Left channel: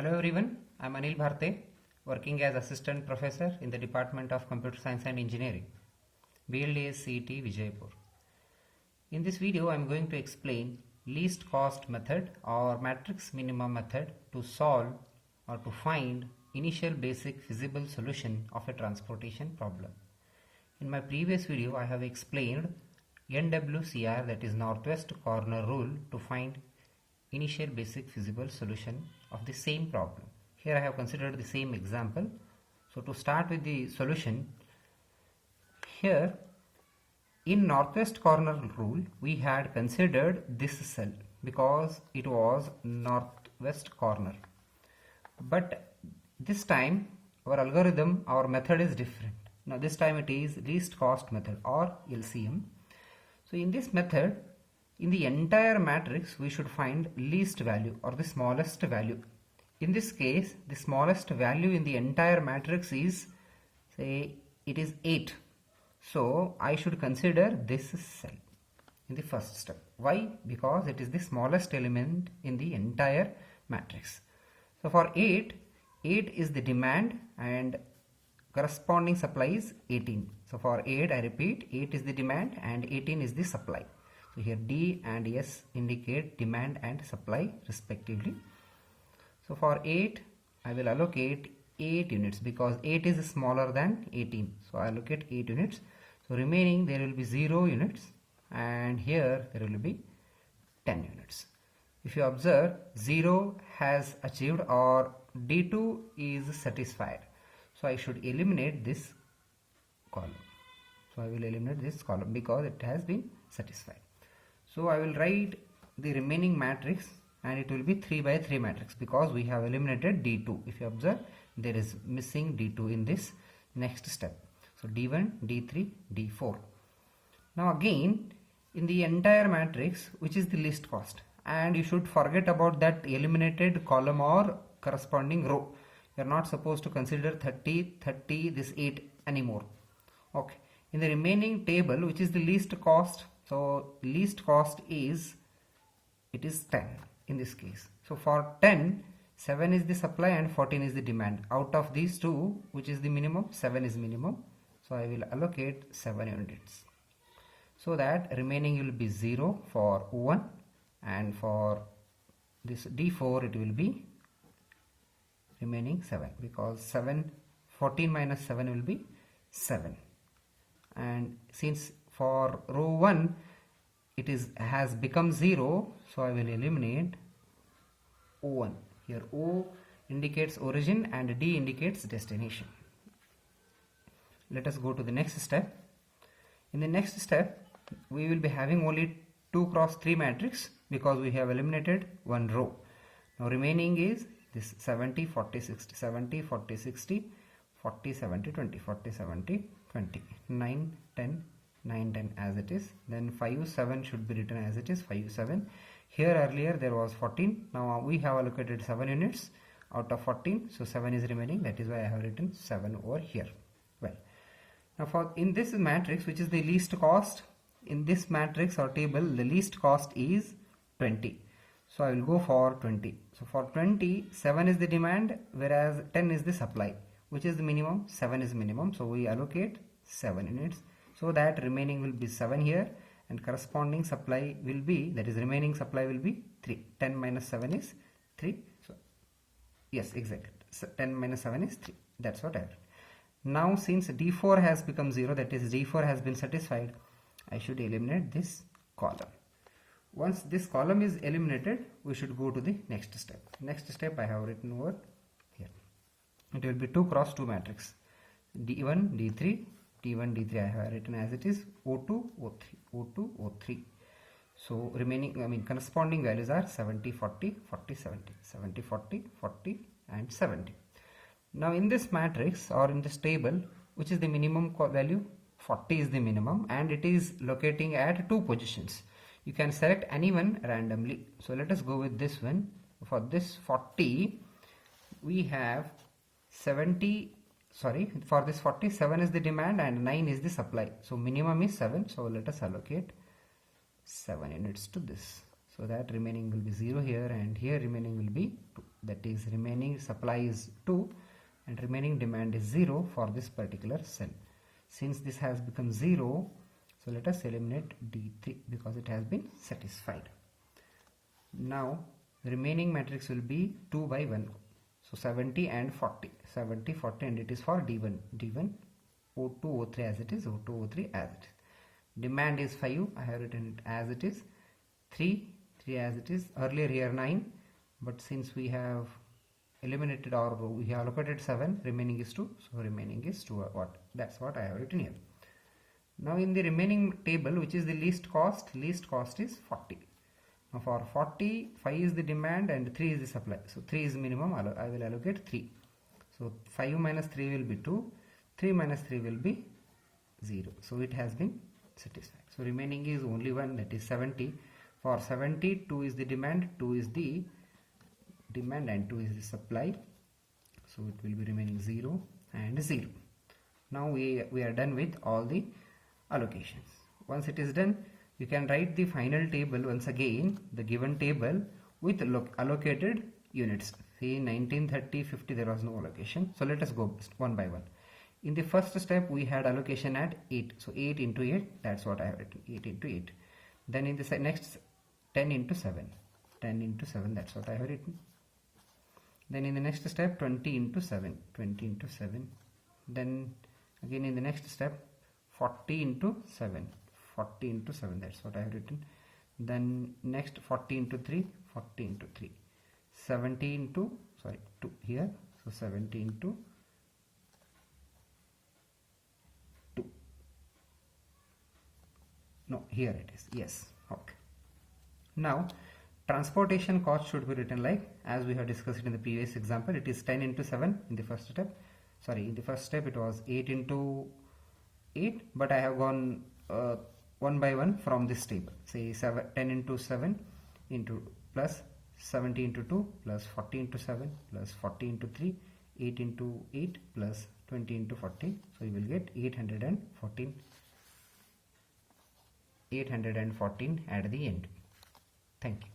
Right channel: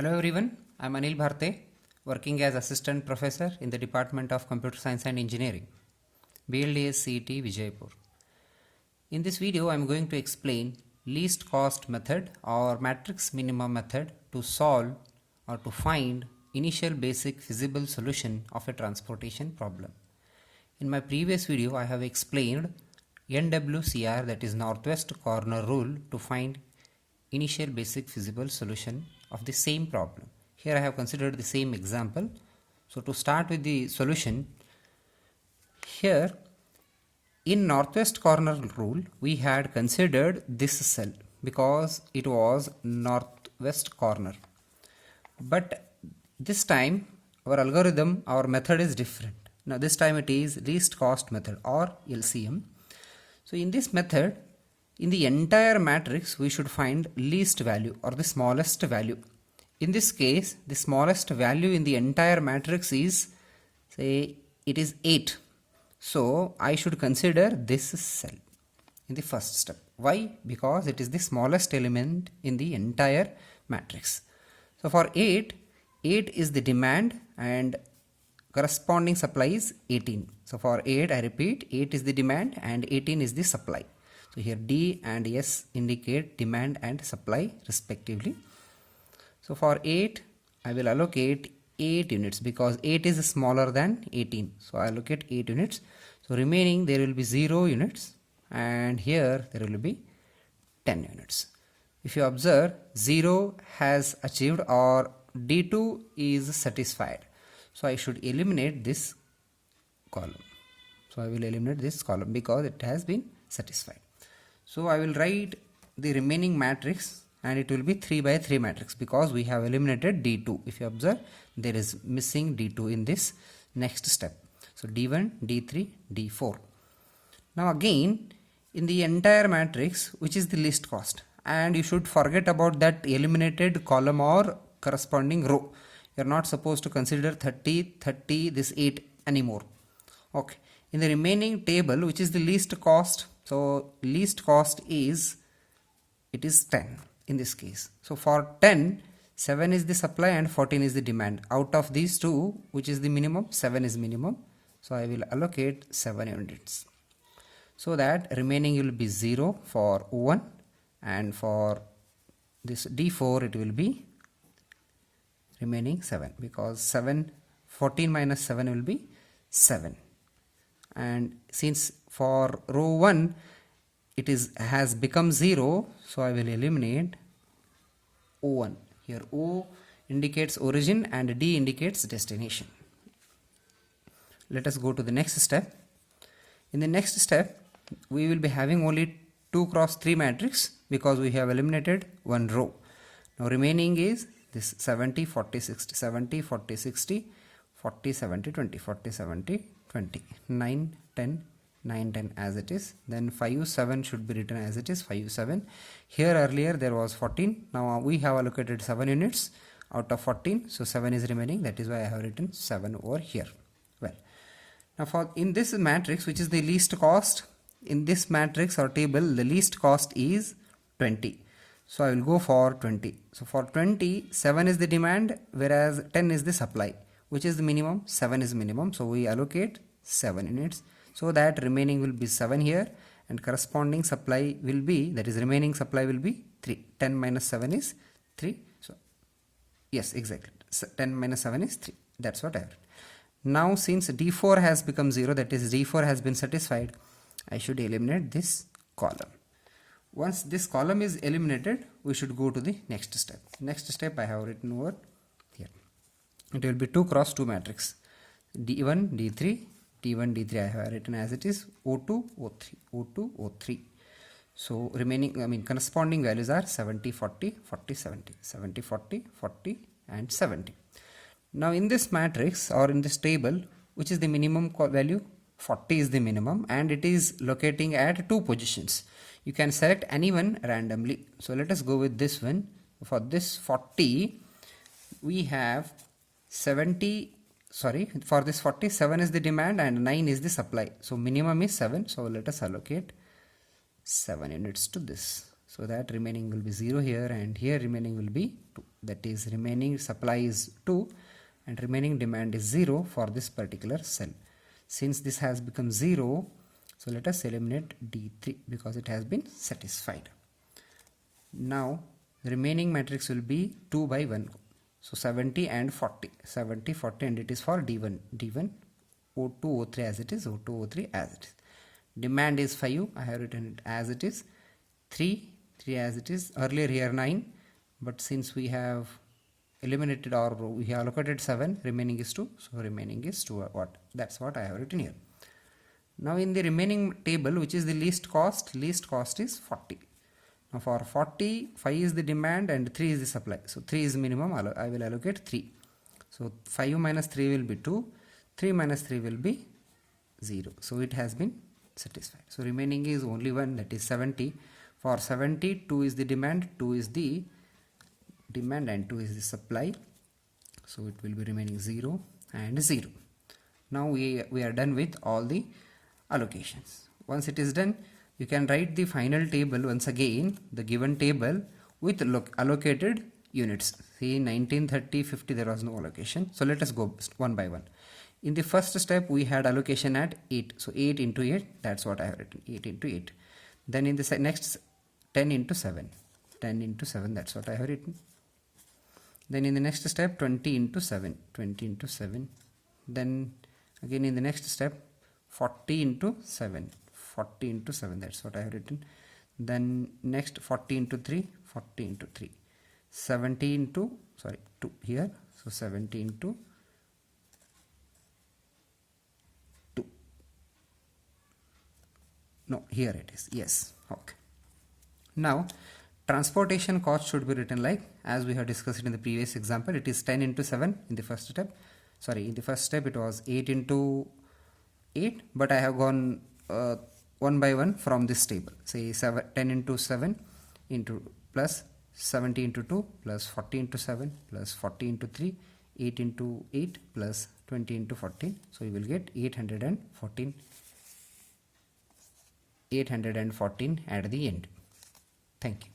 Hello everyone, I am Anil Bharte, working as Assistant Professor in the Department of Computer Science and Engineering, BLDS CET Vijaypur. In this video, I am going to explain least cost method or matrix minimum method to solve or to find initial basic feasible solution of a transportation problem. In my previous video, I have explained NWCR, that is northwest corner rule, to find initial basic feasible solution of the same problem. Here I have considered the same example. So to start with the solution, here in northwest corner rule we had considered this cell because it was northwest corner. But this time our algorithm, our method is different. Now this time it is least cost method or LCM. So in this method, in the entire matrix, we should find least value or the smallest value. In this case, the smallest value in the entire matrix is, say, it is 8. So I should consider this cell in the first step. Why? Because it is the smallest element in the entire matrix. So for 8 is the demand and corresponding supply is 18. So for 8, I repeat, 8 is the demand and 18 is the supply. So here D and S indicate demand and supply respectively. So for 8, I will allocate 8 units because 8 is smaller than 18. So I allocate 8 units. So remaining there will be 0 units and here there will be 10 units. If you observe, 0 has achieved or D2 is satisfied. So I should eliminate this column. So I will eliminate this column because it has been satisfied. So I will write the remaining matrix and it will be 3 by 3 matrix because we have eliminated D2. If you observe, there is missing D2 in this next step. So D1, D3, D4. Now again, in the entire matrix, which is the least cost, and you should forget about that eliminated column or corresponding row. You are not supposed to consider 30, 30, this 8 anymore. Okay. In the remaining table, which is the least cost, so least cost is, it is 10 in this case. So for 10, 7 is the supply and 14 is the demand. Out of these two, which is the minimum? 7 is minimum. So I will allocate 7 units. So that remaining will be 0 for 1 and for this D4 it will be remaining 7 because 14 minus 7 will be 7. And since for row 1 it has become 0, so I will eliminate O1. Here O indicates origin and D indicates destination. Let us go to the next step. In the next step, we will be having only 2 cross 3 matrix because we have eliminated one row. Now remaining is this 70, 40, 60, 70, 40, 60, 40, 70, 20, 40, 70, 20, 9, 10, 9, 10 as it is. Then 5, 7 should be written as it is, 5, 7. Here earlier there was 14. Now we have allocated 7 units out of 14. So 7 is remaining. That is why I have written 7 over here. Well, now for in this matrix, which is the least cost, in this matrix or table, the least cost is 20. So I will go for 20. So for 20, 7 is the demand, whereas 10 is the supply. Which is the minimum? 7 is minimum. So we allocate 7 units. So that remaining will be 7 here and corresponding supply will be, that is remaining supply will be 3. 10 minus 7 is 3. So yes, exactly. So 10 minus 7 is 3. That's what I have. Now since D4 has become 0, that is D4 has been satisfied, I should eliminate this column. Once this column is eliminated, we should go to the next step. Next step I have written over here. It will be 2 cross 2 matrix. D1, D3, D1, D3 I have written as it is, O2, O3, O2, O3. So remaining, corresponding values are 70, 40, 40, 70, 70, 40, 40 and 70. Now in this matrix or in this table, which is the minimum value? 40 is the minimum and it is locating at 2 positions. You can select any one randomly. So let us go with this one. For this 40, we have 70, for this 47 is the demand and 9 is the supply. So minimum is 7. So let us allocate 7 units to this. So that remaining will be 0 here and here remaining will be 2. that is remaining supply is 2 and remaining demand is 0 for this particular cell. Since this has become 0, so let us eliminate D3 because it has been satisfied. Now the remaining matrix will be 2 by 1. So 70 and 40. 70, 40 and it is for D1. D1, O2, O3 as it is, O2, O3 as it is. Demand is 5. I have written it as it is. 3 as it is. Earlier here 9. But since we have eliminated or we have allocated 7, remaining is 2. So remaining is 2 watt. That's what I have written here. Now in the remaining table, which is the least cost is 40. Now for 40, 5 is the demand and 3 is the supply. So 3 is minimum, I will allocate 3. So 5 minus 3 will be 2, 3 minus 3 will be 0. So it has been satisfied. So remaining is only 1, that is 70. For 70, 2 is the demand, 2 is the demand and 2 is the supply. So it will be remaining 0 and 0. Now we are done with all the allocations. Once it is done, you can write the final table once again, the given table with allocated units. See 19, 30, 50 there was no allocation. So let us go one by one. In the first step we had allocation at 8. So 8 into 8, that's what I have written, 8 into 8. Then in the next 10 into 7. 10 into 7, that's what I have written. Then in the next step 20 into 7. 20 into 7. Then again in the next step 40 into 7. 40 into 7, that's what I have written. Then next 40 into 3, 40 into 3. 70 into, 2 here. So 70 into 2. No, here it is. Yes. Okay. Now transportation cost should be written like as we have discussed in the previous example. It is 10 into 7 in the first step. In the first step it was 8 into 8, but I have gone one by one from this table. Say 10 into 7 into plus 70 into 2 plus 40 into 7 plus 40 into 3, 8 into 8 plus 20 into 14. So you will get 814 at the end. Thank you.